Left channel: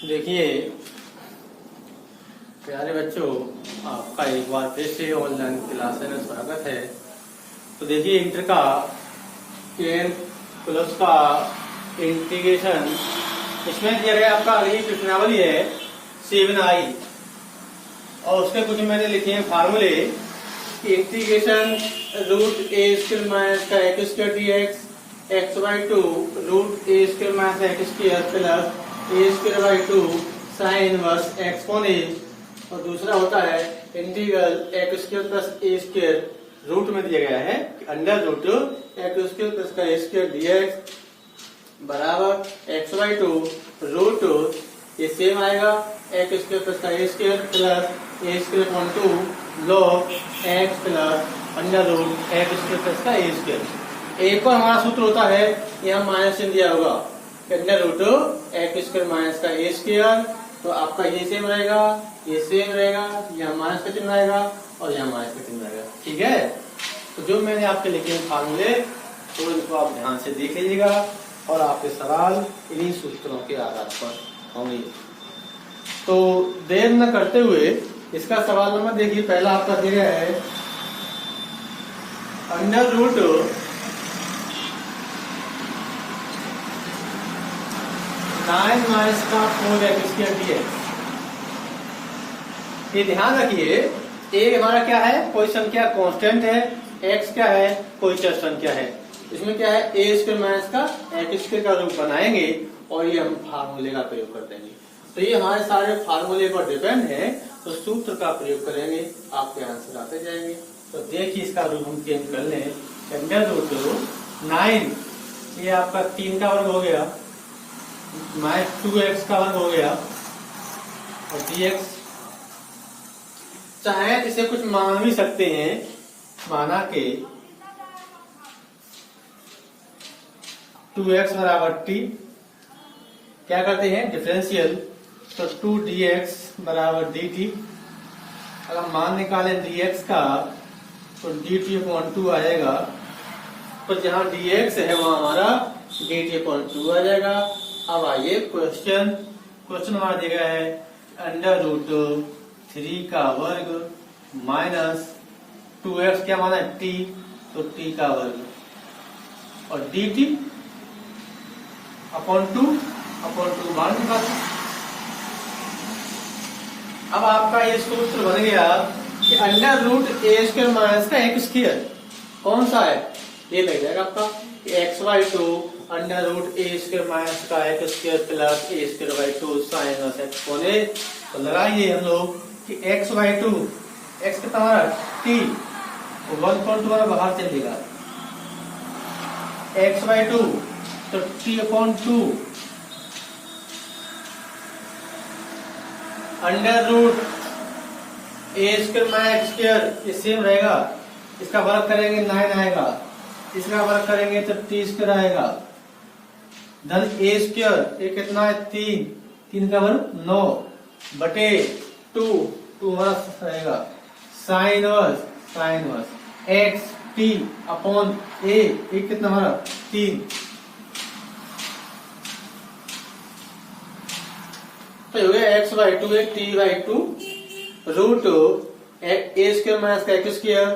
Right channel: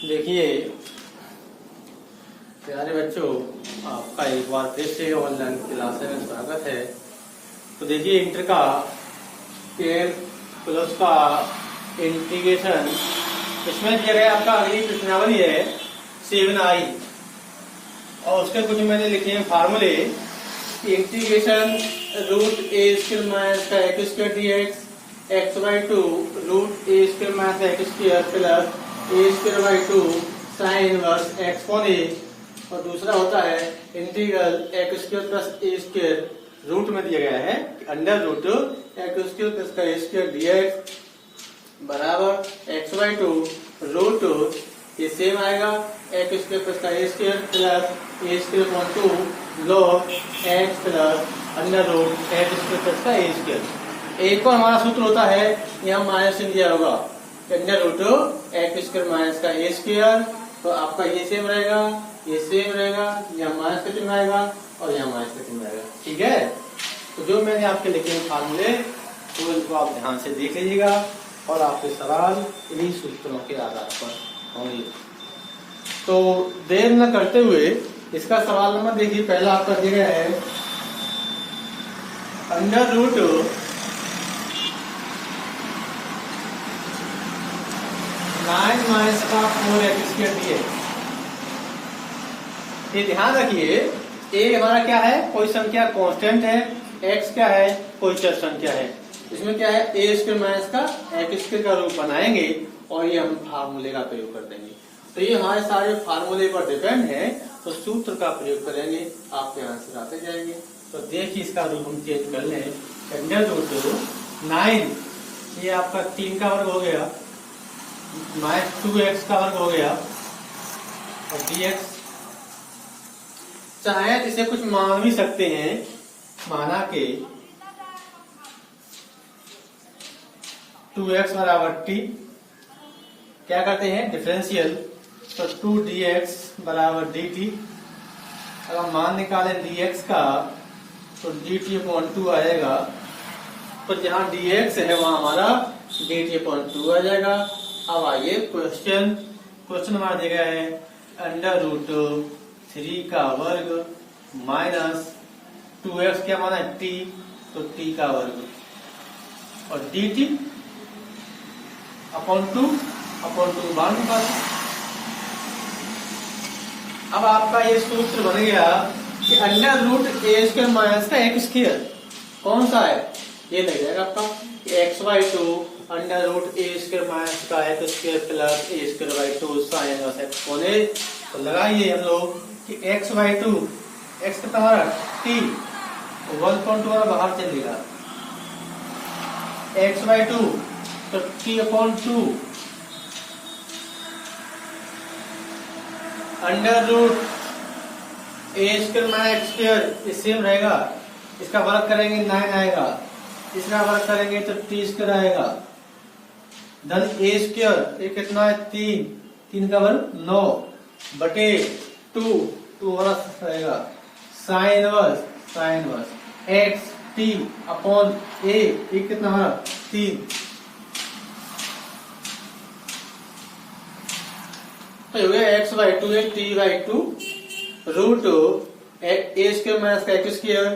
देखिए प्यारे बच्चों, आपका एक बार फिर से ऑनलाइन क्लास में स्वागत है। तो देखिए इंटर का प्लस का इंटीग्रेशन, इसमें दिया गया आपका अगली प्रश्नावली है 7i और उसके कुछ मैंने लिखे हैं फार्मूले। Integration root A square minus का X square D X by two root A square minus X square plus A square by two sine inverse X upon A. और दूसरा होता है integral X square plus A square root में दिया गया है under root x square plus का ए square D X बराबर एक्स बाई टू रूट ये सेम आएगा एक्स स्क्वायर प्लस का ए square plus A square upon two log X plus under root x square plus का ए स्क्वायर। एक और हमारा सूत्र होता है, यहाँ माइनस चिन्ह दिया होगा under root x square minus का ए स्क्वायर। तो आपका ये सेम रहेगा, ये सेम रहेगा, यहाँ माइनस का चिन्ह आएगा और यहाँ माइनस का चिन्ह आएगा। ठीक है, तो जो मैंने आपके लिखे हैं फार्मूले तो इनको आप ध्यान से देख लीजिएगा और आपके सवाल इन्हीं सूत्रों के आधार पर होंगे। तो देर न करते हुए इसका सवाल नंबर देखिए, पहला आपका दिया गया है अंडर रूट 9 माइनस का 4x स्क्वायर दिए। ये ध्यान रखिए, एक हमारा क्या है, कोई संख्या कांस्टेंट है, x क्या है, कोई चर संख्या है। इसमें क्या है, ए स्क्वायर माइनस का एक्स स्क्वायर का रूप बनाएंगे और ये हम फार्मूले का प्रयोग कर देंगे। तो ये हमारे सारे फार्मूले पर डिपेंड है, तो सूत्र का प्रयोग करेंगे, आपके आंसर आते जाएंगे। तो देखिए इसका रूप हम चेंज कर लें, अंडर रूट 9 ये आपका 3 का वर्ग हो गया माइनस 2x का वर्ग हो गया और dx। चाहे इसे कुछ मान भी सकते हैं, माना के 2x बराबर t, क्या करते हैं डिफरेंशियल, तो 2dx बराबर dt। अगर मान निकालें dx का तो dt अपॉन 2 आएगा, तो जहां dx है वहां हमारा dt अपॉन 2 आ जाएगा। अब आइए क्वेश्चन हमारा दिया गया है अंडर रूट 3 का वर्ग माइनस 2x क्या माना है t, तो t का वर्ग और dt अपॉन 2 मान निकालें। अब आपका ये सूत्र बन गया कि under root A square minus का एक्स स्क्वायर कौन सा है, ये लग जाएगा आपका X by two under root A square minus का X square plus A square by two sine inverse X upon A. तो लगाइए हम लोग कि एक्स बाई टू, एक्स कितना हमारा टी, 1.2 हमारा बाहर चलेगा, एक्स बाई टू तो T upon 2 under root A square minus X square, ये सेम रहेगा, इसका वर्ग करेंगे 9 आएगा, इसका वर्ग करेंगे तो टी स्क्वायर आएगा, धन ए स्क्वायर ये कितना है 3 का वर्ग 9 बटे 2 हमारा रहेगा sine inverse X T upon A, एक कितना हमारा 3। तो हो गया एक्स बाई टू एक T by two root A square minus का X square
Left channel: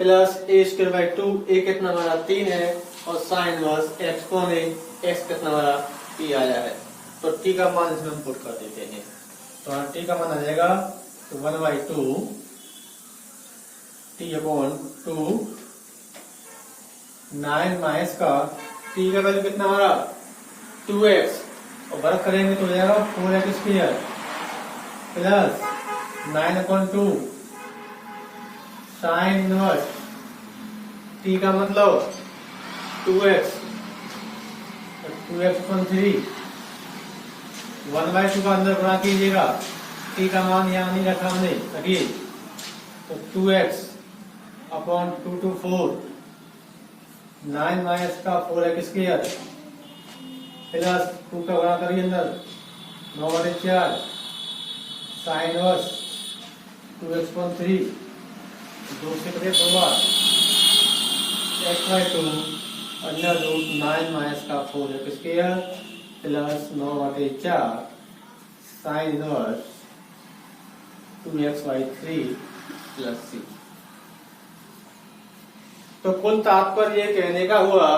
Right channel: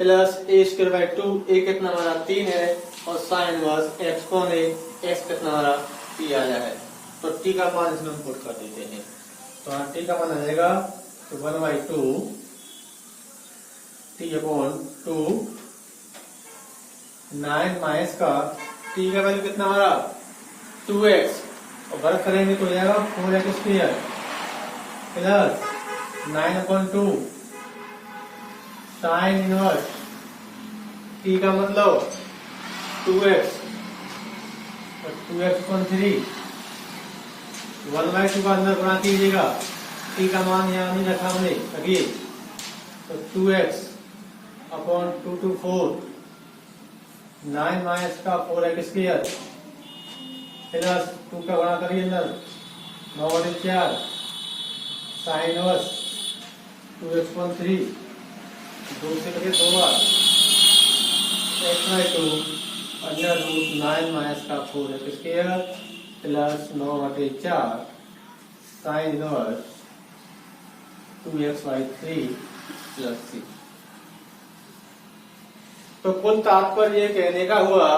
plus A square by two, A कितना हमारा 3 है और sine inverse X upon A, X कितना हमारा टी आया है। तो टी का मान इसमें हम पुट कर देते हैं, तो टी का मान आ जाएगा 1/2 टी अपॉन 2 9 माइनस का टी का वैल्यू कितना हमारा 2x और वर्ग करेंगे तो हो जाएगा 4x square plus 9/2 sine inverse T का मतलब 2x और 2x अपॉन 3 1/2 का अंदर गुणा कीजिएगा, टी का मान यहाँ नहीं रखा हमने, रखिए तो 2x अपॉन 2 to 4 9 माइनस का 4x स्क्वायर प्लस 2 का गुणा करिए अंदर 9/4 साइन इनवर्स 2x अपॉन 3 2 से करिए 2 बार X by two under root 9 minus का 4x square plus 9/4 sine inverse 2x/3 plus c। तो कुल तात्पर्य ये कहने का हुआ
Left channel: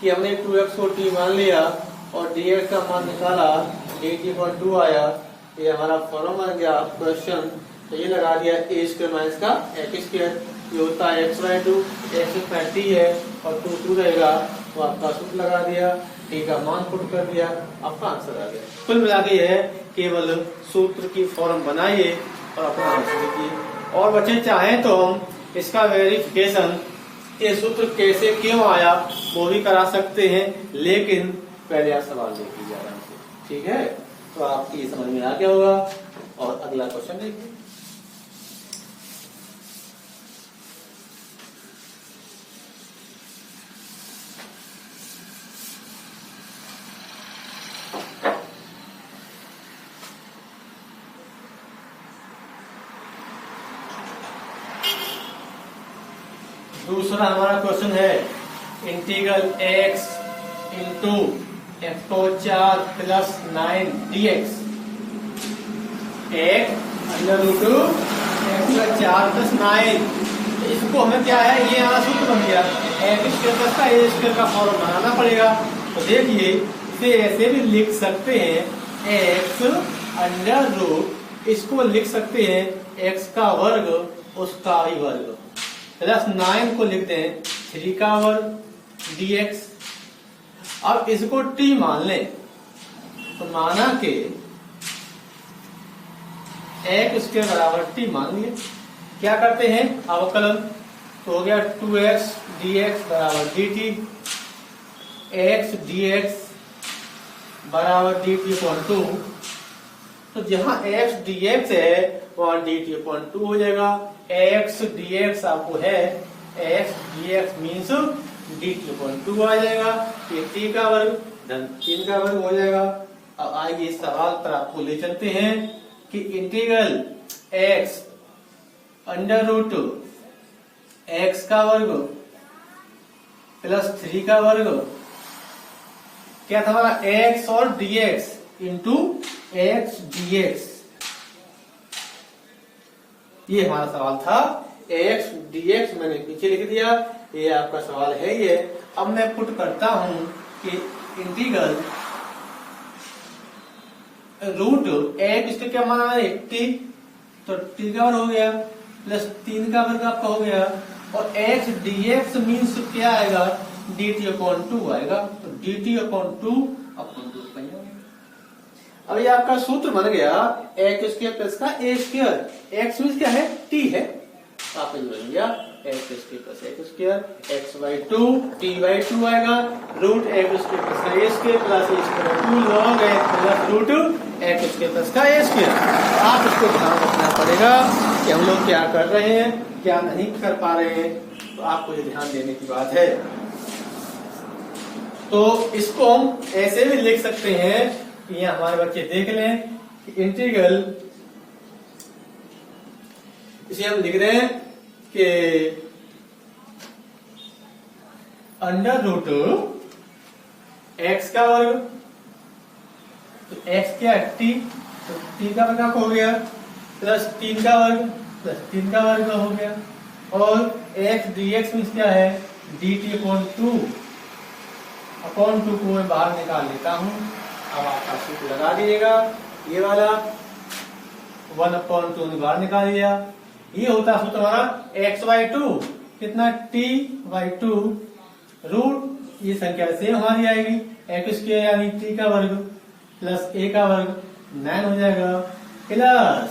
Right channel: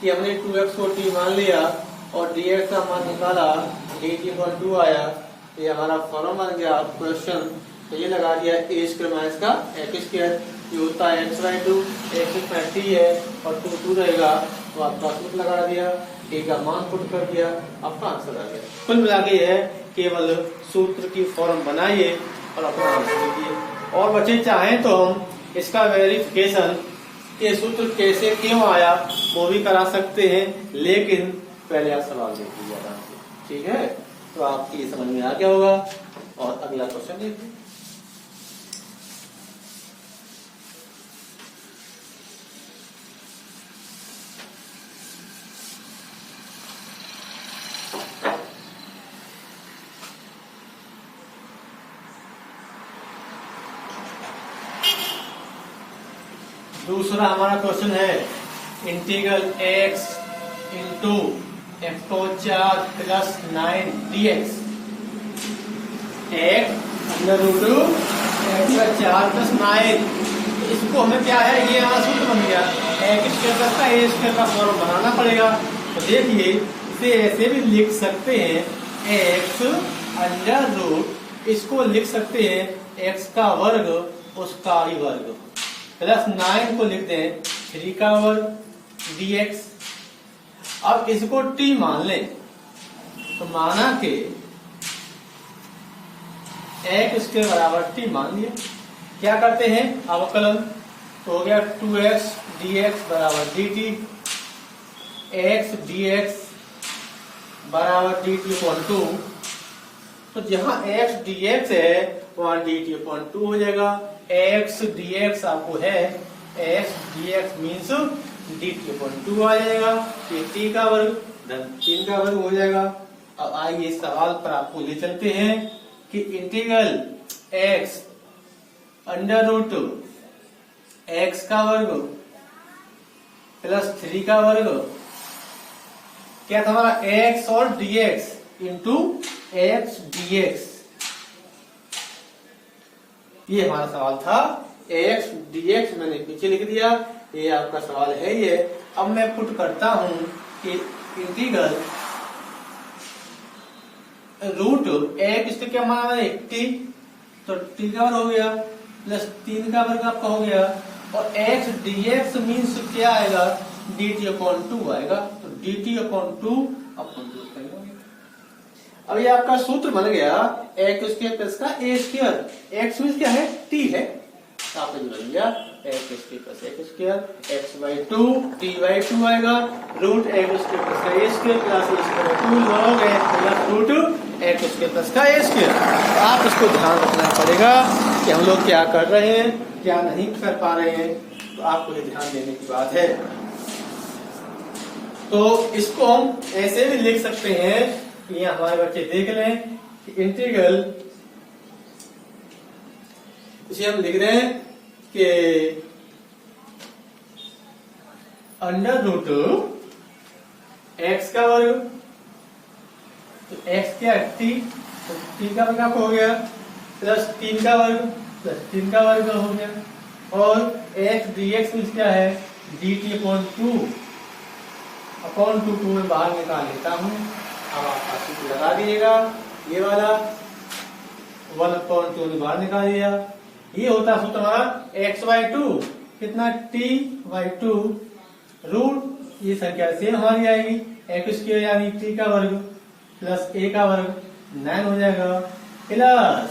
कि हमने 2x को t मान लिया और dx का मान निकाला, dt/2 आया। ये हमारा फॉर्म बन गया क्वेश्चन। तो ये लगा दिया a स्क्वायर माइनस का x स्क्वायर, ये होता है x/2, x इसमें t है और 2 रहेगा, तो आपका सूत्र लगा दिया, t का मान पुट कर दिया, आपका आंसर आ गया। कुल मिला के है केवल सूत्र की फॉर्म बनाइए और अपना आंसर लिखिए। और बच्चे चाहें तो हम इसका वेरिफिकेशन ये सूत्र कैसे क्यों आया वो भी करा सकते हैं, लेकिन पहले आप सवाल देख लीजिए आराम से, ठीक है? तो आपकी समझ में आ गया होगा। और अगला क्वेश्चन देखिए। दूसरा हमारा क्वेश्चन है इंटीग्रल x इंटू x को 4 plus 9 dx, x under root x का 4 प्लस 9। इसको हमें क्या है, ये यहाँ सूत्र बन गया, x स्क्वायर का a स्क्वायर का फॉर्म बनाना पड़ेगा। तो देखिए इसे ऐसे भी लिख सकते हैं, x अंडर रूट, इसको लिख सकते हैं x का वर्ग उसका ही वर्ग प्लस 9 को लिखते हैं 3 का वर्ग dx। अब इसको t मान लें, तो माना कि x स्क्वायर बराबर t मान लिया। क्या करते हैं अवकलन, तो हो गया 2x dx बराबर dt, x dx बराबर dt/2। तो जहां x dx है वहां dt/2 हो जाएगा। x dx आपको है, x dx मीन्स dt/2 आ जाएगा। ये t का वर्ग धन 3 का वर्ग हो जाएगा। अब आइए इस सवाल पर आपको ले चलते हैं कि integral x under root x का वर्ग प्लस 3 का वर्ग, क्या था हमारा x और dx इंटू x dx, ये हमारा सवाल था। x dx मैंने पीछे लिख दिया, ये आपका सवाल है ये। अब मैं पुट करता हूं कि इंटीग्रल रूट x इसका क्या मान है t, तो t का वर्ग हो गया प्लस 3 का वर्ग आपका हो गया, और x dx मीन्स क्या आएगा dt/2 आएगा, तो dt/2 अपन अब ये आपका सूत्र बन गया x स्क्वायर प्लस का a स्क्वायर। x मीन्स क्या है t है, आपका जो बन गया x square plus x square, x/2 t/2 आएगा, रूट x स्क्वायर प्लस का a square plus a square 2 log x plus root x square plus का a स्क्वायर। आप इसको ध्यान रखना पड़ेगा कि हम लोग क्या कर रहे हैं क्या नहीं कर पा रहे हैं, तो आपको ये ध्यान देने की बात है। तो इसको हम ऐसे भी लिख सकते हैं, ये हमारे बच्चे देख लें कि इंटीग्रल, इसे हम लिख रहे हैं कि अंडर रूट x का वर्ग, तो x क्या है t, तो t का वर्ग आपको हो गया प्लस 3 का वर्ग प्लस 3 का वर्ग हो गया, और x dx मीन्स क्या है dt/2 अपॉन 2 को मैं बाहर निकाल लेता हूं। अब आपका सूत्र लगा दीजिएगा, ये वाला 1/2 ने बाहर निकाल दिया। ये होता सूत्र हमारा x/2 कितना t/2 रूट, ये संख्या सेम हमारी आएगी x स्क्वायर यानी t का वर्ग प्लस a का वर्ग 9 हो जाएगा, प्लस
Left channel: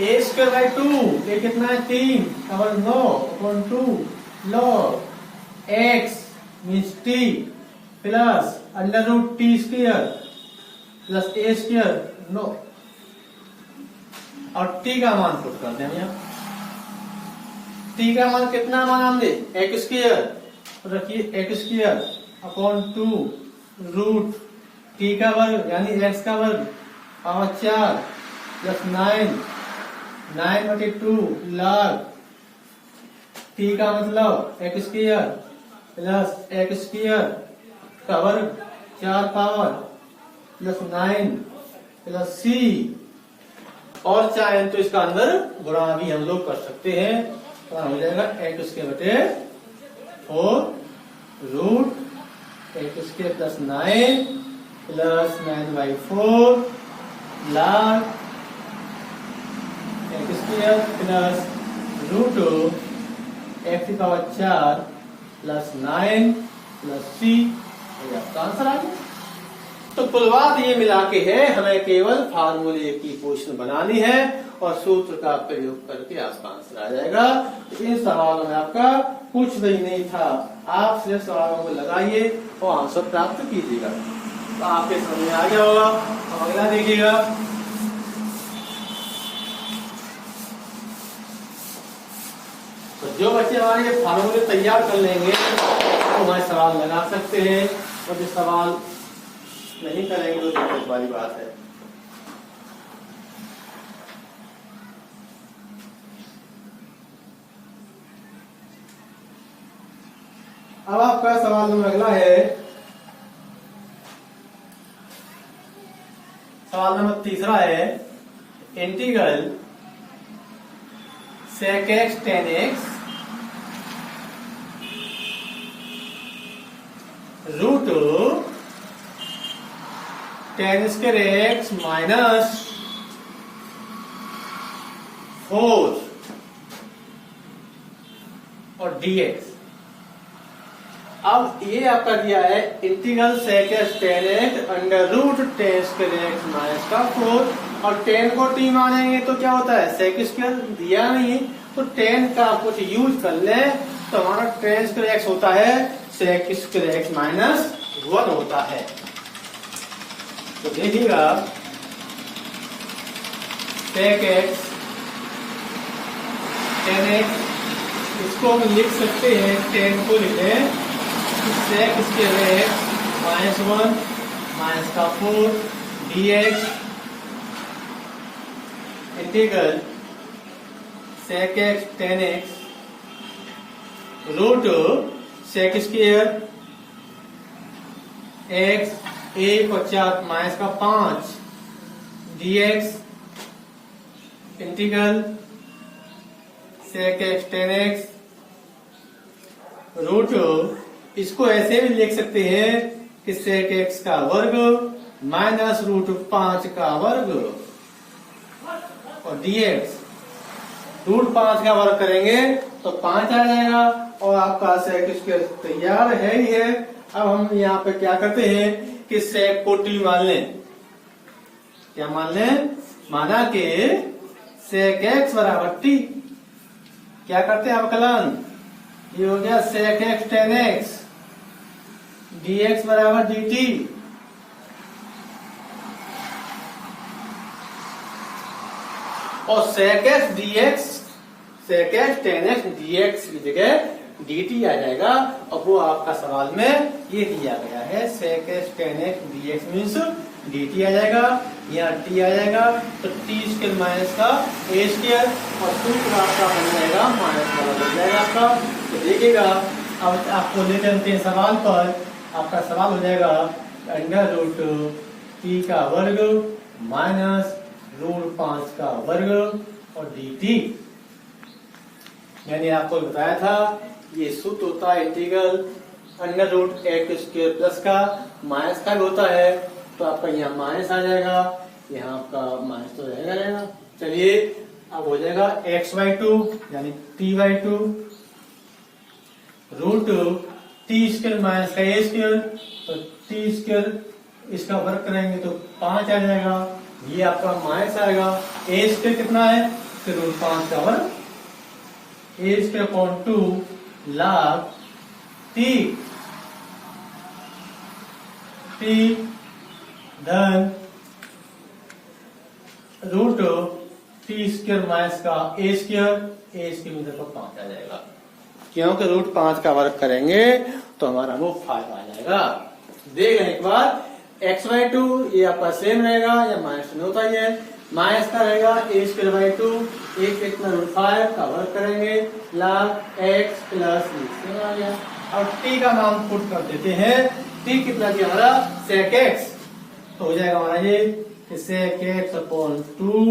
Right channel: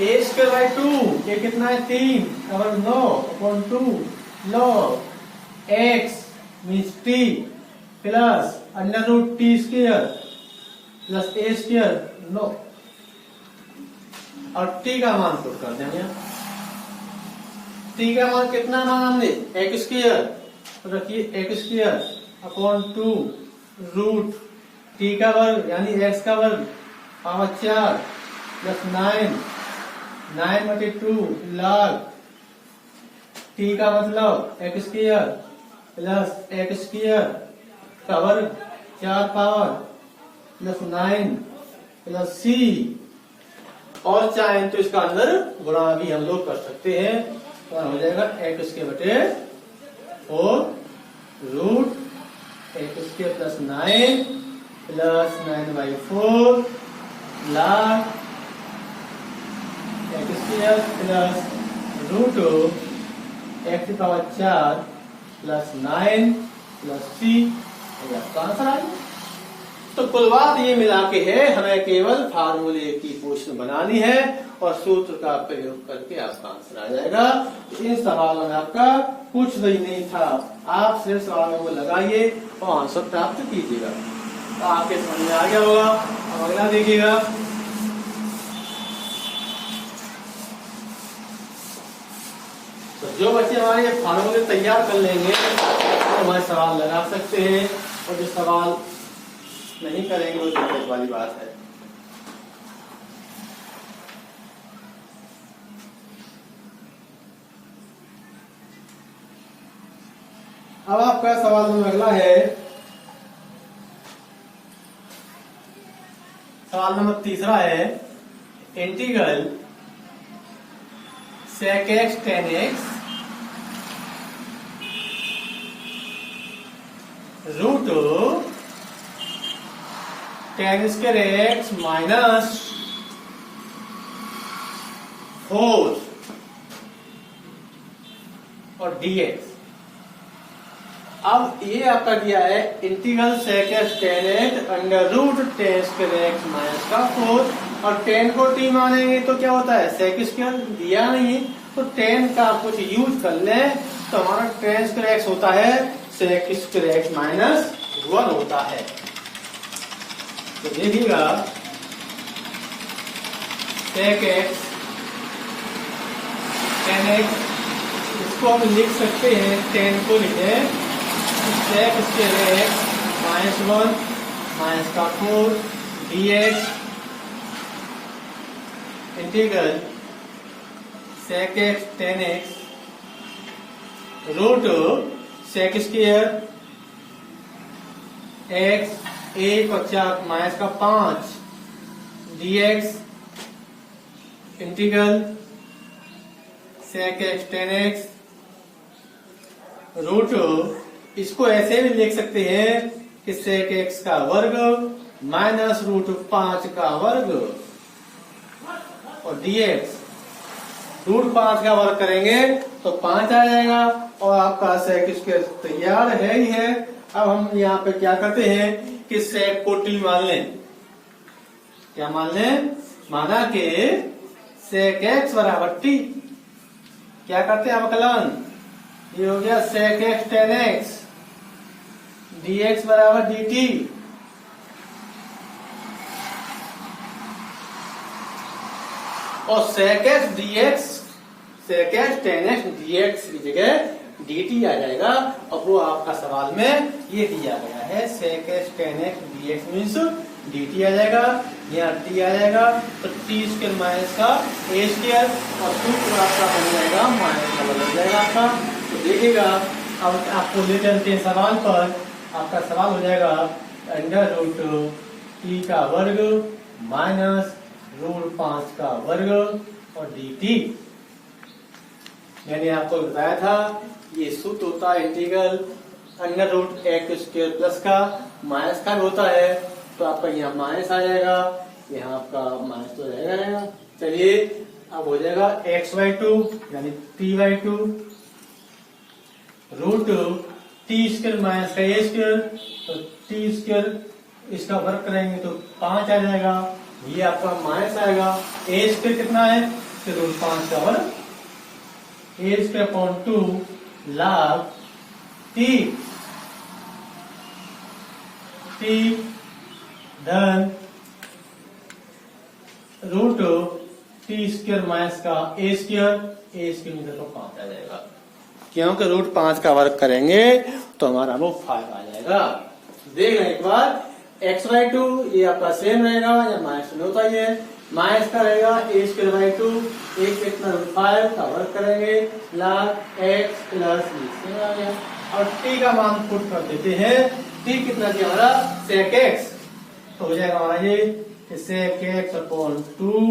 a स्क्वायर/2, ये कितना है 3 का वर्ग 9/2 log x means t plus under root t square plus a square 9, और t का मान पुट करते हैं हम यहाँ। t का मान कितना मान हमने x स्क्वायर रखिए x square upon 2 root t का वर्ग यानी x का वर्ग पावर 4 प्लस 9/2 log t का मतलब x square plus x square का वर्ग 4 पावर प्लस 9 प्लस सी, और चाहे तो इसका अंदर गुणा भी हम लोग कर सकते हैं। तो हो जाएगा एक्स के बटे 4 रूट एक्स के plus 9 plus 9/4 log x square plus root x की पावर 4 प्लस 9 प्लस सी, आपका आंसर आ गया। तो कुल बात ये मिला के है, हमें केवल फार्मूले की पोजीशन बनानी है और सूत्र का प्रयोग करके आपका आंसर आ जाएगा। इन सवालों में आपका कुछ भी नहीं था, आप सिर्फ सवालों को लगाइए और आंसर प्राप्त कीजिएगा। तो आपके समझ में आ गया होगा। अब अगला देखिएगा। तो जो बच्चे हमारे फार्मूले तैयार कर लेंगे तो हमारे सवाल लगा सकते हैं, और जो सवाल नहीं करेंगे वो दिक्कत वाली बात है। अब आपका सवाल नंबर अगला है, सवाल नंबर तीसरा है, integral sec x tan x root tan square x minus 4 और dx। अब ये आपका दिया है integral sec x tan x under root tan square x minus का 4, और tan को t मानेंगे तो क्या होता है sec स्क्वायर, दिया नहीं तो tan का कुछ यूज कर ले तो हमारा tan स्क्वायर x होता है sec स्क्वायर x माइनस 1 होता है। तो देखिएगा sec x tan x, इसको हम लिख सकते हैं, tan को लिखे sec square x minus 1 minus का 4 dx integral sec x tan x root sec square x 1 और 4 माइनस का 5 dx integral sec x tan x root, इसको ऐसे भी लिख सकते हैं कि sec x का वर्ग माइनस रूट 5 का वर्ग और dx, रूट 5 का वर्ग करेंगे तो 5 आ जाएगा और आपका sec स्क्वायर तैयार है ही है। अब हम यहाँ पे क्या करते हैं कि sec को t मान लें। क्या मान लें? माना कि sec x बराबर t, क्या करते हैं अवकलन, ये हो गया sec x tan x dx बराबर dt। और sec x dx, sec x tan x dx की जगह dt आ जाएगा, और वो आपका सवाल में ये दिया गया है sec x tan x dx means dt आ जाएगा, यहाँ t आ जाएगा तो t स्क्वायर माइनस का a स्क्वायर, और सूत्र आपका बन जाएगा माइनस वाला बन जाएगा आपका। तो देखिएगा अब आपको ले चलते हैं सवाल पर। आपका सवाल हो जाएगा अंडर रूट t का वर्ग माइनस रूट 5 का वर्ग और dt। मैंने आपको बताया था ये सूत्र होता है integral under root x square plus का माइनस का होता है, तो आपका यहाँ माइनस आ जाएगा, यहाँ आपका माइनस तो रहेगा। चलिए अब हो जाएगा x/2 यानी t/2 root T square minus का ए स्क्वायर, तो टी स्क्वायर इसका वर्ग करेंगे तो 5 आ जाएगा, ये आपका माइनस आएगा। ए स्क्वायर कितना है, फिर रूट 5 का वर्ग, ए स्क्वायर अपॉन 2 log t धन रूट टी स्क्वायर माइनस का ए स्क्वायर में तो 5 आ जाएगा, क्योंकि रूट 5 का वर्ग करेंगे तो हमारा वो 5 आ जाएगा। देख लें एक बार, x/2 ये आपका सेम रहेगा या माइनस में होता ही है, माइनस का रहेगा a स्क्वायर 2, एक कितना रूट 5 का वर्ग करेंगे log x प्लस सेम आ गया। और t का मान पुट कर देते हैं, t कितना दिया हमारा sec x, तो हो जाएगा हमारा ये कि sec x upon 2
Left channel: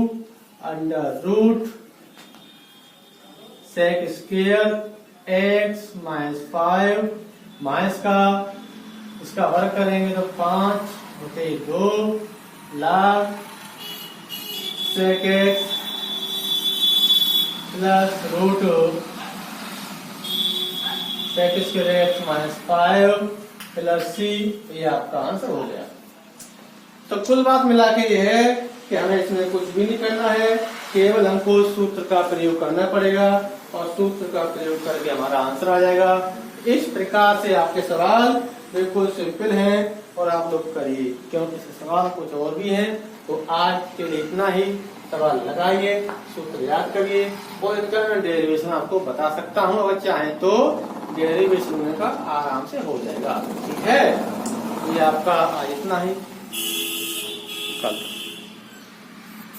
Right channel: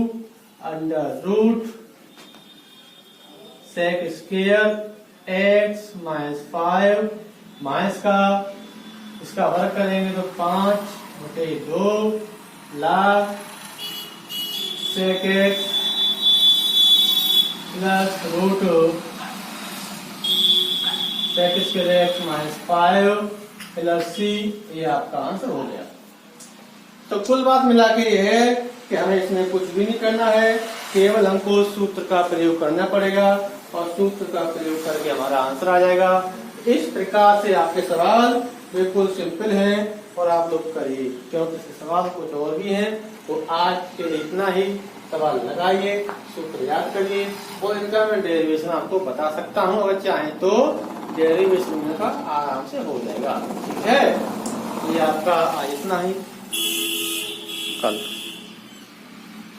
under root sec square x minus 5 minus का इसका वर्ग करेंगे तो 5/2 log sec x plus root sec square x minus 5 plus c, ये आपका आंसर हो गया। तो कुल बात मिला के ये है कि हमें इसमें कुछ भी नहीं करना है, केवल हमको सूत्र का प्रयोग करना पड़ेगा और सूत्र का प्रयोग करके हमारा आंसर आ जाएगा। इस प्रकार से आपके सवाल बिल्कुल सिंपल हैं और आप लोग करिए, क्योंकि इसके सवाल कुछ और भी हैं। तो आज के लिए इतना ही, सवाल लगाइए, सूत्र याद करिए और इनका मैं डेरिवेशन आपको बता सकता हूँ, अगर चाहें तो डेरिवेशन का आराम से हो जाएगा। ठीक है, तो ये आपका आज इतना ही, कल